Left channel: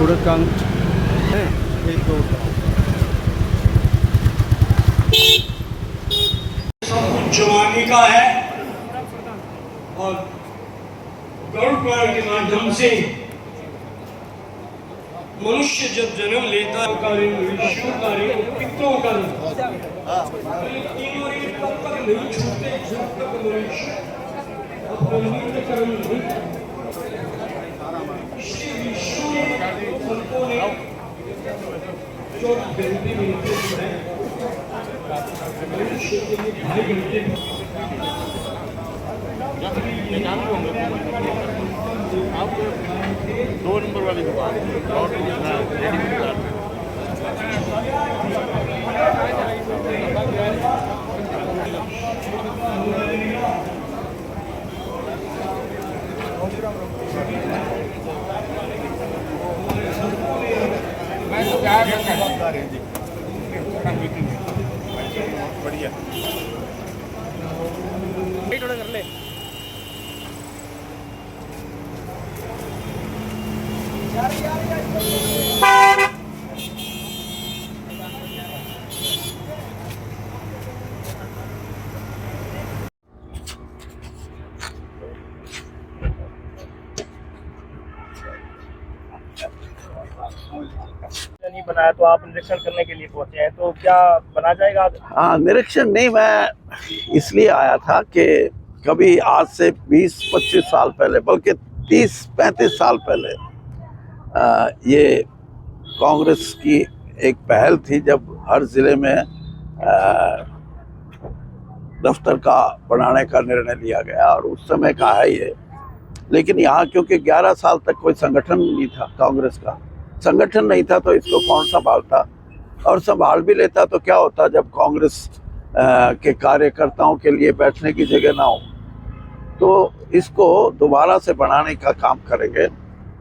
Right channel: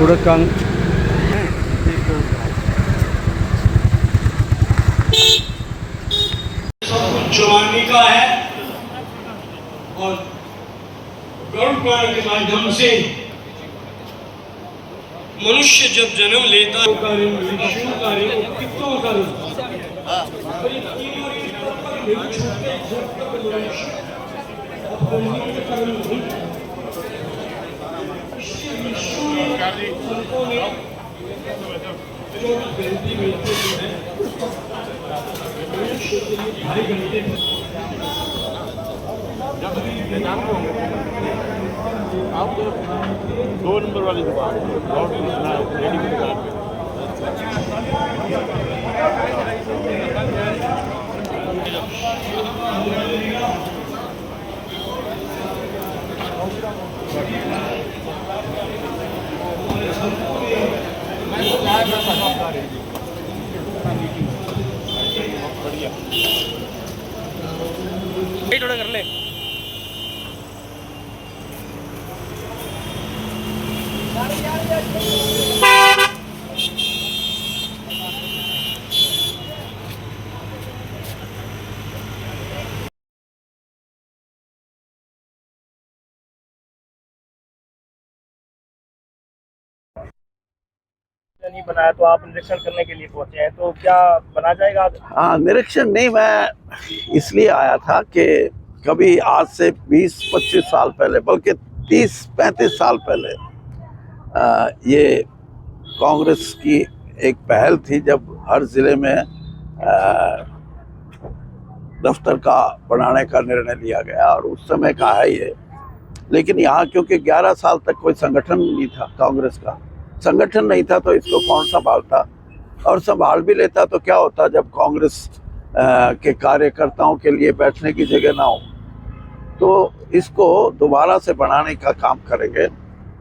पूरा काम जवानी का है और गरुड़ पुराण के माध्यम से मनुष्य जब जन्म लेता कितनों का आप 2 नंबर वाली दुकान रेडीमेड दुकान बढ़िया थोड़ा कर ले। नहीं बनाया तो आप निरीक्षण करने के लिए पहुंचे हैं, तो क्या बना जाएगा? हाँ, निरीक्षण नहीं, मैं इसलिए आया था कि कभी आज से 20-25 साल पहले, बल्कि 30-35 साल पहले ये कांग्रेस की एक पहल थी जब हर जिले में दफ्तर का बनाने का निर्णय लिया गया, और उस समय का है ये। लेकिन यहाँ क्योंकि 11 साल तक कोई संगठन नहीं था, कांग्रेस का संगठन नहीं था, तो इसको कौन संभालता, और संभाल भी लेता तो क्या होता जब कांग्रेस के कार्यकर्ताओं के लिए बैठने की जगह ना हो। तो इसको दोबारा से बनाने का काम करेंगे,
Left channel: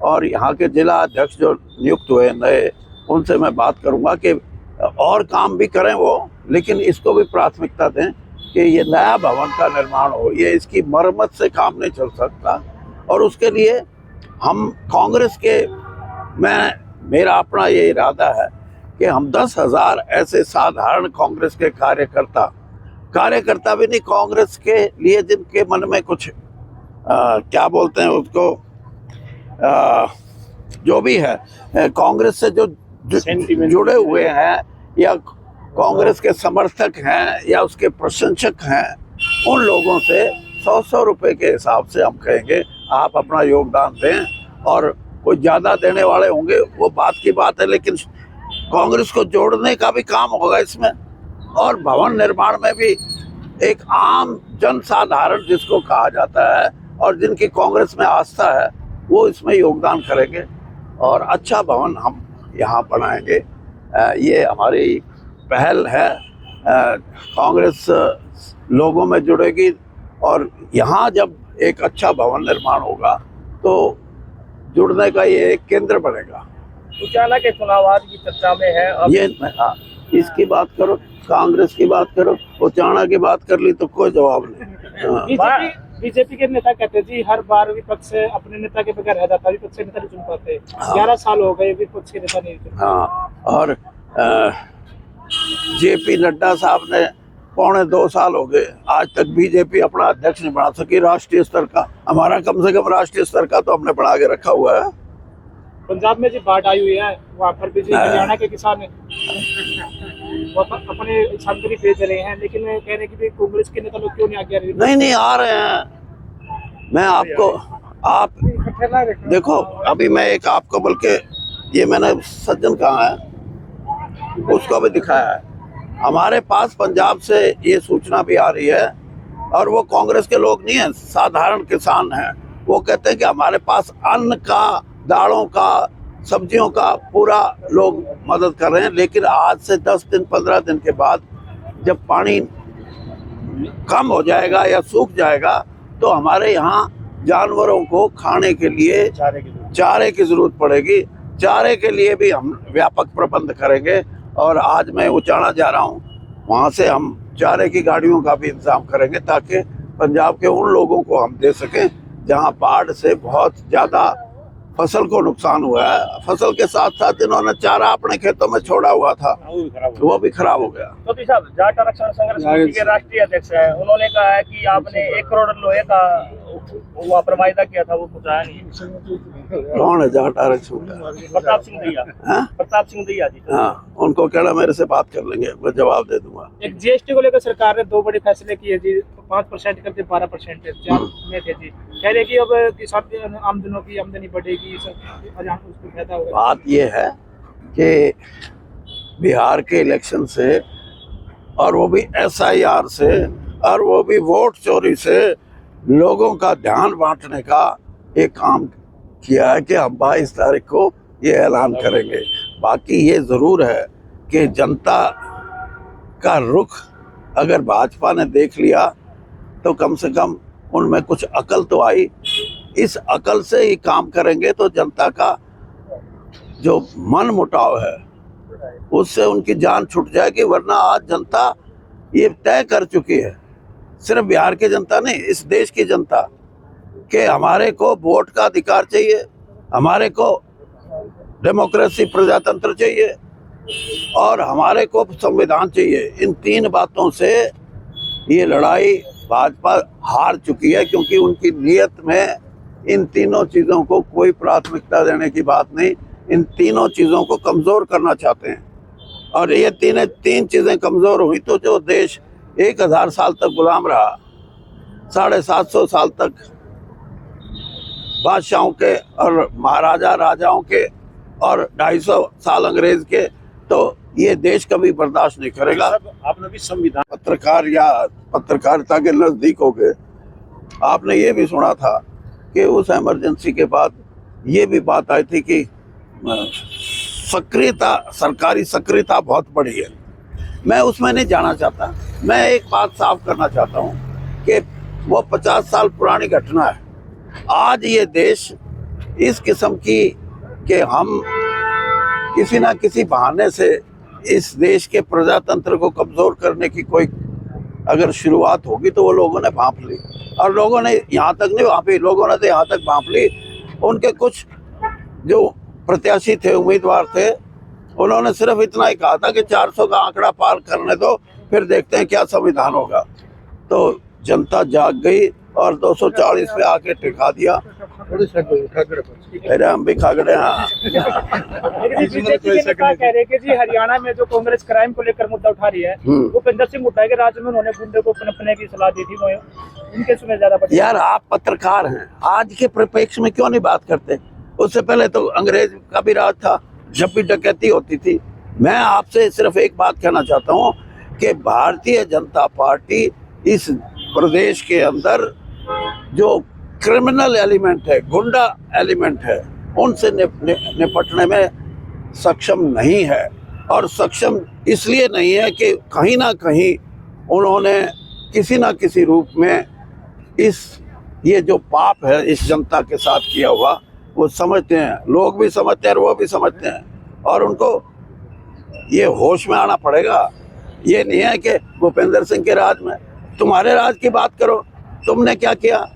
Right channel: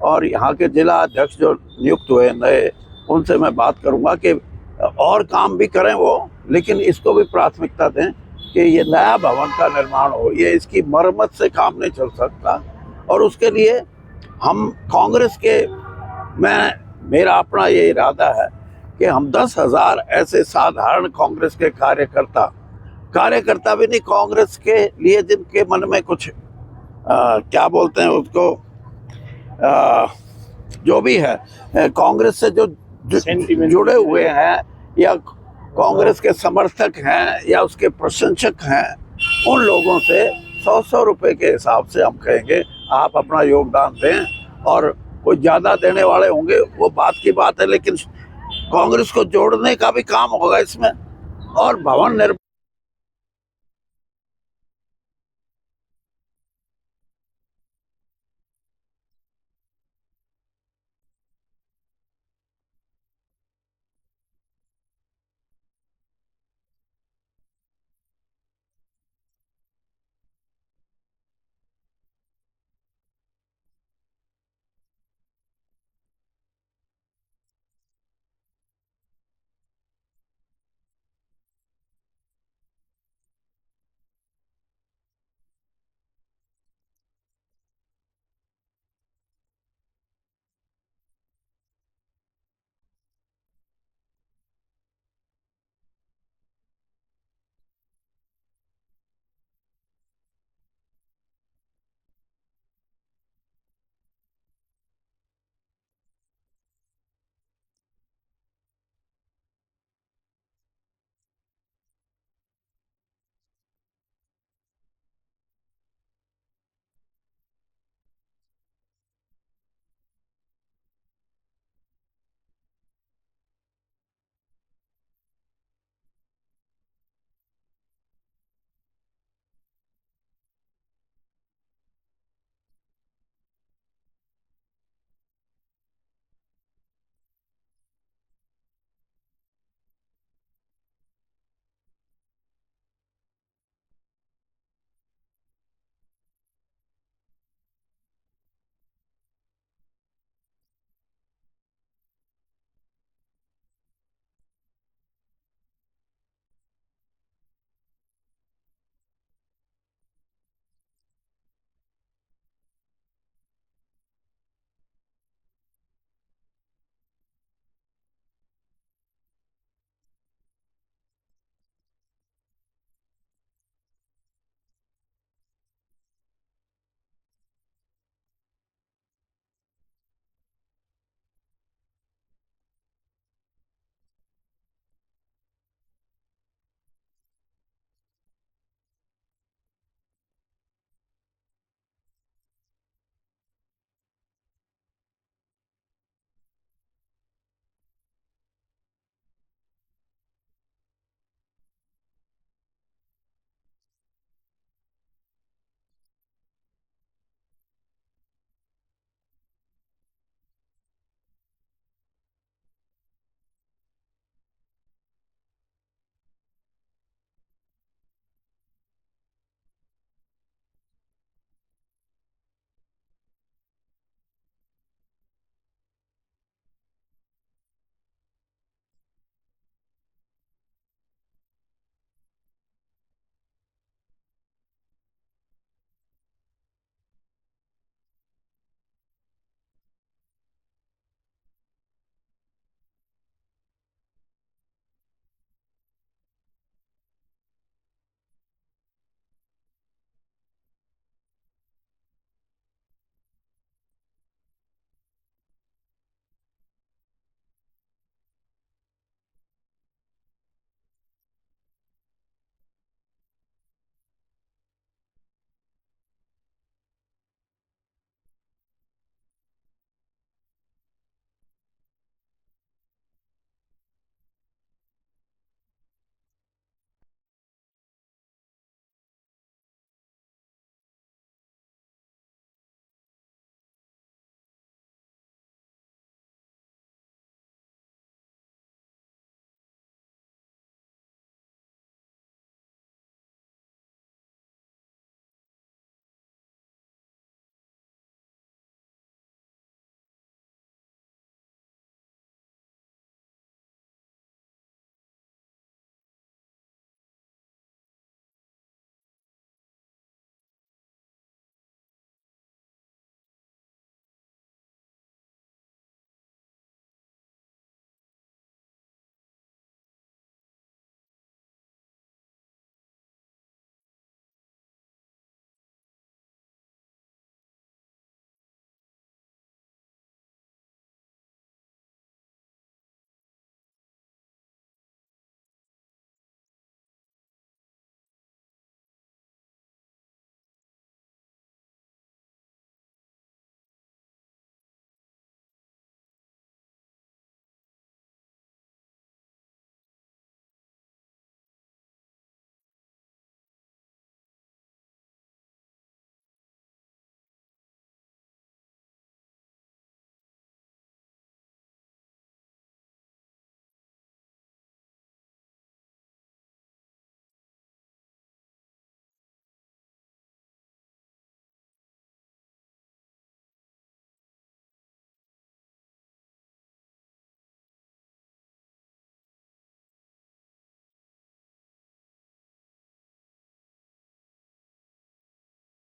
और यहाँ के जिला अध्यक्ष जो नियुक्त हुए नए, उनसे मैं बात करूँगा कि और काम भी करें वो, लेकिन इसको भी प्राथमिकता दें कि ये नया भवन का निर्माण हो, ये इसकी मरम्मत से काम नहीं चल सकता। और उसके लिए हम कांग्रेस के, मेरा अपना ये इरादा है कि हम 10,000 ऐसे साधारण कांग्रेस के कार्यकर्ता भी नहीं, कांग्रेस के लिए जिनके मन में कुछ क्या बोलते हैं उसको, जो भी है कांग्रेस से जो जुड़े हुए हैं, या कांग्रेस के समर्थक हैं, या उसके प्रशंसक हैं, उन लोगों से 100-100 रुपए के हिसाब से हम कहेंगे आप अपना योगदान दें। और कोई ज़्यादा देने वाले होंगे वो बात की बात है, लेकिन कांग्रेस को जोड़ने का भी काम होगा इसमें। और भवन निर्माण में भी एक आम जनसाधारण जिसको कहा जाता है और जिनकी कांग्रेस में आस्था है, वो इसमें योगदान करेंगे और अच्छा भवन हम यहाँ बनाएंगे। ये हमारी पहल है। कांग्रेस लोगों में जुड़ेगी, और यहाँ जब एक अच्छा भवन निर्माण होगा तो जुड़ने का ये एक केंद्र बनेगा। उचाला के चुनाव आज की चर्चा में है अब। ये हाँ, इसकी बात करो, कांग्रेस की बात करो, उचाणा की बात कर ली तो कोई जवाब नहीं। बीजेपी के नेता कहते जी हर बार विपक्ष अपने नेता के बगैर रह जाता, विपक्ष के नेता नहीं चुन पाते। 11 साल हो गए विपक्ष के नेता नहीं चुन। हाँ, और जेपी नड्डा साहब ने 2.25 साल हो गए, आज तक बीजेपी अपना अध्यक्ष नहीं बना सकी राष्ट्रीय स्तर का। हमारा कम से कम राष्ट्रीय स्तर का तो हमने बना के रखा हुआ है। पंजाब में जी बाढ़ आई हुई है, वहाँ पर भी हरियाणा के किसान अपने सामग्री भेज रहे हैं, लेकिन कह रहे कि कांग्रेस के नेता लोग क्यों नहीं आगे आ रहे? नहीं आ रहे हैं। मैं आपको, आप देखो, अभी मैं एक आपको, बल्कि ये मैंने सज्जन कहा है उसको भी दिखाया है। हमारे पास पंजाब से ये सूचना भी आ रही है, और वो कांग्रेस के लोग नहीं हैं, साधारण किसान हैं। वो कहते हैं कि हमारे पास अन्न का, दालों का, सब्जियों का पूरा लोग मदद कर रहे हैं, लेकिन आज से 10 दिन 15 दिन के बाद जब पानी कम हो जाएगा या सूख जाएगा तो हमारे यहाँ जानवरों को खाने के लिए चारे की जरूरत पड़ेगी। चारे के लिए भी हम व्यापक प्रबंध करेंगे, और आज मैं उचाणा जा रहा हूँ, वहाँ से हम चारे की गाड़ियों का भी इंतजाम करेंगे ताकि पंजाब के उन लोगों को हम दे सकें जहाँ बाढ़ से बहुत ज़्यादा फसल को नुकसान हुआ है। फसल के साथ साथ इन्होंने चारा अपने खेतों में छोड़ा हुआ था, वो भी खराब हो गया। तो साहब, जाट आरक्षण संघर्ष समिति के राष्ट्रीय अध्यक्ष हैं, उन्होंने कहा है कि आपने 1 करोड़ लोहे का वो वायदा किया था, वो कुछ आया नहीं। कौन है जाट आरक्षण? प्रताप सिंह दैया। हाँ? प्रताप सिंह दैया जी। हाँ, उनको कहना मेरे से बात कर लेंगे, मैं जवाब दे दूंगा। एक जीएसटी को लेकर सरकार ने 2 बड़े फैसले किए जी, 5% करके 12% में थे जी। कह रहे कि अब किसान आमदनों की आमदनी बढ़ेगी, उसको फायदा होगा। बात ये है कि बिहार के इलेक्शन से, और वो भी SIR से, और वो भी वोट चोरी से लोगों का ध्यान बांटने का एक काम किया है कि हम 22 तारीख को ये ऐलान करेंगे। बाकी ये ज़रूर है कि जनता का रुख अगर भाजपा ने देख लिया तो कम से कम उनमें कुछ अकल तो आई। इस अकल से ही काम करेंगे तो जनता का जो मन मुटाव है उससे उनकी जान छूट जाएगी। वरना आज जनता ये तय कर चुकी है, सिर्फ बिहार की जनता नहीं, इस देश की जनता, कि हमारे को वोट का अधिकार चाहिए, हमारे को डेमोक्रेसी प्रजातंत्र चाहिए, और हमारे को संविधान चाहिए। इन 3 बातों से ये लड़ाई भाजपा हार चुकी है, क्योंकि उनकी नीयत में इन तीनों चीज़ों को कोई प्राथमिकता देने की बात नहीं। इन तीनों चीज़ों को कमज़ोर करना चाहते हैं, और ये तीन चीज़ें कमज़ोर हुई तो जो देश 1000 साल तक गुलाम रहा, 750 साल तक बादशाहों के और महाराजा राजाओं के, और 250 साल अंग्रेज के, तो ये देश कभी बर्दाश्त नहीं करेगा। आपने भी संविधान, पत्रकार या पत्रकारिता के नज़दीक हो गए, आपने ये भी सुना था कि उस इमरजेंसी के बाद ये भी बात आई थी कि सक्रियता, सरकारी सक्रियता बहुत बढ़ी है। मैं उसमें नहीं जाना चाहता। मैं एक बात साफ करना चाहता हूँ कि वो 50 साल पुरानी घटना है। आज ये देश इस किस्म की कि हम किसी ना किसी बहाने से इस देश के प्रजातंत्र को कमज़ोर करने की कोई अगर शुरुआत होगी तो वो लोगों ने भांप ली, और लोगों ने यहाँ तक नहीं भांपी, लोगों ने तो यहाँ तक भांप ली। उनके कुछ जो प्रत्याशी थे, उम्मीदवार थे, उन्होंने सिर्फ इतना ही कहा था कि 400 का आंकड़ा पार करने दो, फिर देखते हैं क्या संविधान होगा। तो जनता जाग गई और 240 पे आके टिका दिया। अरे हम भी खागड़े। हाँ, कह रहे कि जी हरियाणा में जो कांग्रेस क्राइम को लेकर मुद्दा उठा रही है, भूपेंद्र सिंह हुड्डा के राज्य में उन्होंने गुंडे को पनपने की सलाह दी थी, वो उनके सुने ज्यादा। यार, आप पत्रकार हैं, आज के परिप्रेक्ष्य में क्यों नहीं बात करते? उससे पहले तो अंग्रेज का भी राज था, जब भी डकैती होती थी। मैं आपसे सिर्फ एक बात कहना चाहता हूँ कि भारतीय जनता पार्टी इस प्रदेश के अंदर जो क्रिमिनल एलिमेंट है, गुंडा एलिमेंट है, उनसे निपटने में सक्षम नहीं है। और सक्षम इसलिए नहीं है कि कहीं ना कहीं उन्होंने किसी ना किसी रूप में ये जो पाप है इस जनता के साथ किया हुआ, वो समझते हैं, लोग भी समझते हैं और वो भी समझते हैं, और उनको ये होश में आना पड़ेगा। ये नहीं है कि भूपेंद्र सिंह के राज में, तुम्हारे राज की बात करो, तुमने क्या किया?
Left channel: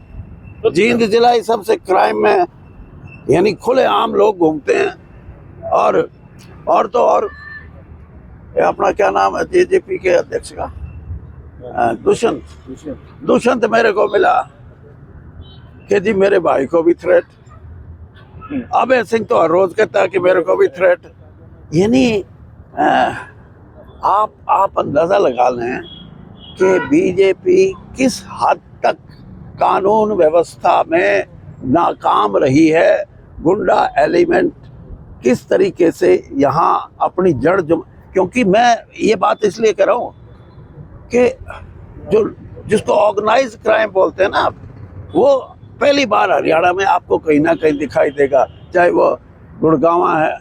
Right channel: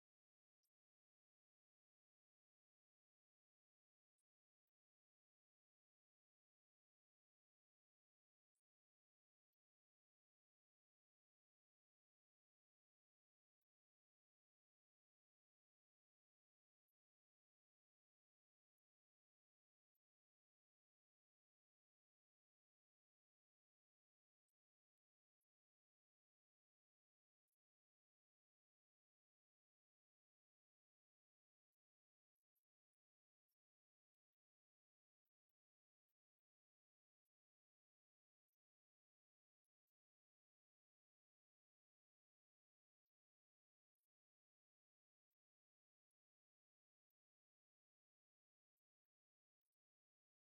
जींद जिला इस सबसे क्राइम में, यानी खुले आम लोग घूमते हैं। और तो और अपना क्या नाम है JJP के अध्यक्ष का, दुष्यंत मेरे को मिला कि जी मेरे भाई को भी थ्रेट। अभय सिंह तो हर रोज कहता है कि मेरे को भी थ्रेट। यानी आप अंदाजा लगा लें कि बीजेपी किस हद तक कानून व्यवस्था में नाकाम रही है। गुंडा एलिमेंट किस तरीके से यहाँ अपनी जड़ क्योंकि मैं ये बात इसलिए कर रहा हूँ कि जिसको ऑर्गेनाइज क्राइम बोलते हैं ना, वो पहली बार हरियाणा में आपको कहीं ना कहीं दिखाई देगा। चाहे वो गुड़गांव है,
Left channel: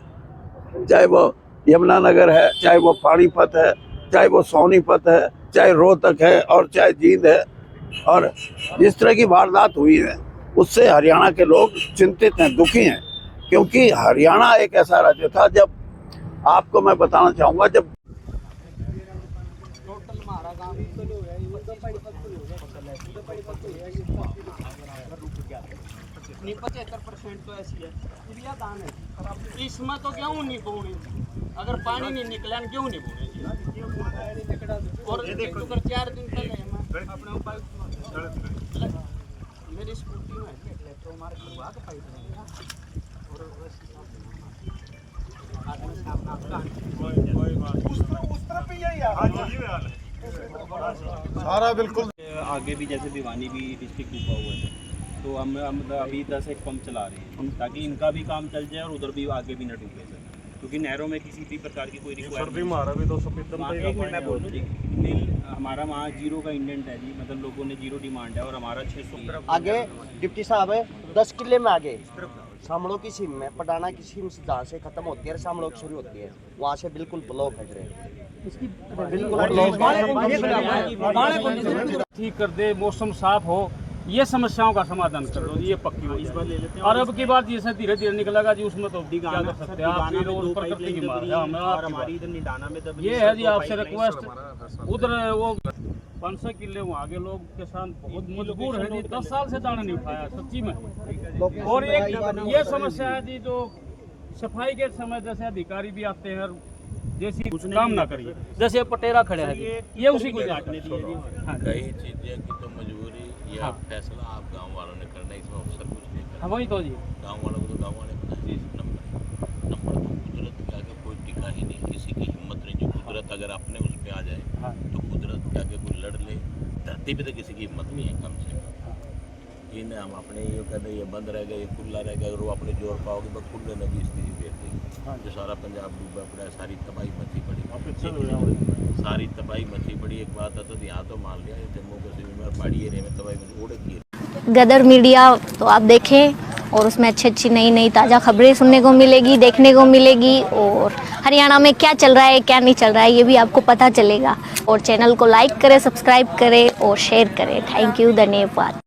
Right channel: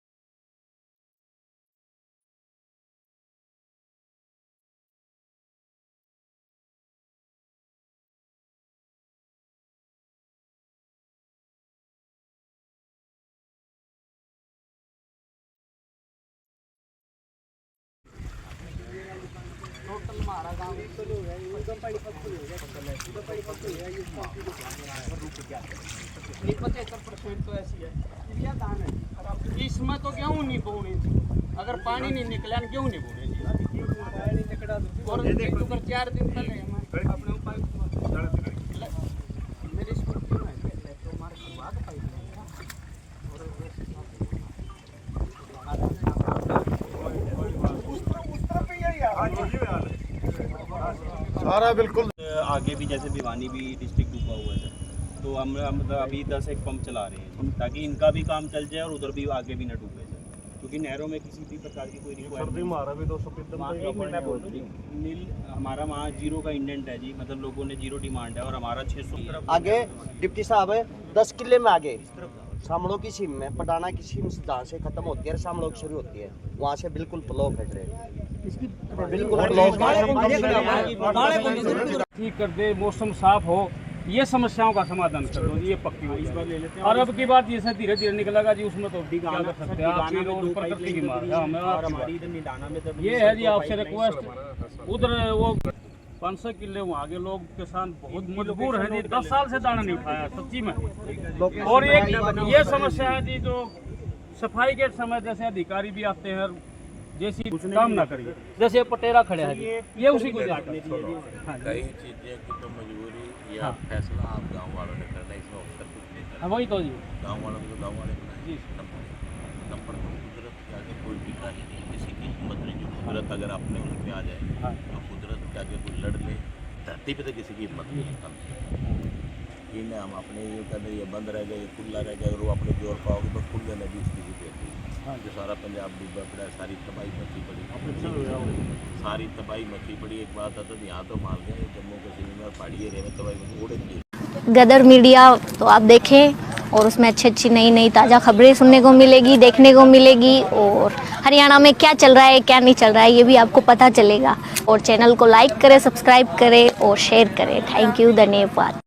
चाहे वो यमुनानगर है, चाहे वो पानीपत है, चाहे वो सोनीपत है, चाहे रोहतक है, और चाहे जींद है। और जिस तरह की वारदात हुई है उससे हरियाणा के लोग चिंतित हैं, दुखी हैं, क्योंकि हरियाणा एक ऐसा राज्य था, जब आपको मैं बताना चाहूँगा, जब नहीं 75% तो ऐसी है चिड़िया दान है। इसमें तो गेहूँ नहीं बोने, अगर पानी नहीं निकला गेहूँ नहीं बोने जी। और देखो 4 दिन पहले मैं अपने मेरी स्कूटी में तो हमारे करवा के पाइप लगाया और वैसे सारा बिल्कुल आगे भी जैसे भिवानी भी डिस्ट्रिक्ट डूबा हुआ है, तो हम मतलब अभी 10 एक पंप चला रहे हैं ताकि इनका भी काम चल जाए और उधर भी आगे भी न डूबे सर, क्योंकि नहरों में किसी भी प्रकार की कोई सर्दी मारा भी तो सफेद हमारा वहाँ 0 का इंडेंट है जी, मतलब लोगों ने 0 डिमांड है और हमारा 600 आगे डिप्टी साहब 10 किले में आगे शामलों की सीम में पटाना की सीम जहाँ से खत्म होती है शामलों की शुरू होती है वहाँ से बिल्कुल ब्लॉक है ट्रेन, बिल्कुल ठीक कर दे, मौसम साफ हो, ये समस्याओं का समाधान कर दो जी, ये पक्की हो जाए। और अब की बात जैसे धीरे धीरे निकलेगा जी, उसमें तो क्या कर सकते हैं आप, प्रकृति की मार है हमारी इधर निडाना में ये है जी आपसे रिक्वेस्ट। उधर वो 500 किले वहाँ के लोग किसान बहुत मजबूर है जी, 10 साल से दाना नहीं उठाया सच्ची में। और एक ये समस्या है जी, जो सफाई के समय जैसे अधिकारी भी आते हैं जैसी काम ना करिए, जैसे पटेरा खड़े हैं ये उसी को जाकर कई चीजें की तो मजबूरी या फैसला आप गांव वालों ने करना है, इसमें अफसर कुछ नहीं करना। वही तो जी, गांव वालों को तो गांव वाले बनाए नंबर तो कुदरत के आगे कोई टिका ही नहीं, किसी की हिम्मत नहीं। जो कुदरत अगर अपने उस पर आ जाए तो कुदरत के आगे कोई लड़ ले, धरती पे तो किसी की हिम्मत नहीं है कम से। इन्हें हम अपने ये कहते ये बंद रह गए, ये खुला रह गया, अगर वो अपने जोर पाओगे तो खुल गए नदी स्थिति बेहतरी। जो सारा पंजाब डूबा पड़ा, सारी तबाही मची पड़ी, सारी तबाही मची पड़ी। एक बात है तो यहाँ तो मान गया जम्मू कश्मीर में पहाड़ी एरिया में तबाही मची उड़े गई। गदर मीडिया तो आप देखें और उसमें अच्छी अच्छी नई नई ताज़ा खबरें सुनने को मिलेगी, देखने को मिलेगी, और हरियाणा में क्या चल रहा है क्या नहीं चल रहा है ये भी आपको पता चलेगा। और चैनल को लाइक करें, सब्सक्राइब करें और शेयर करें। थैंक यू, धन्यवाद।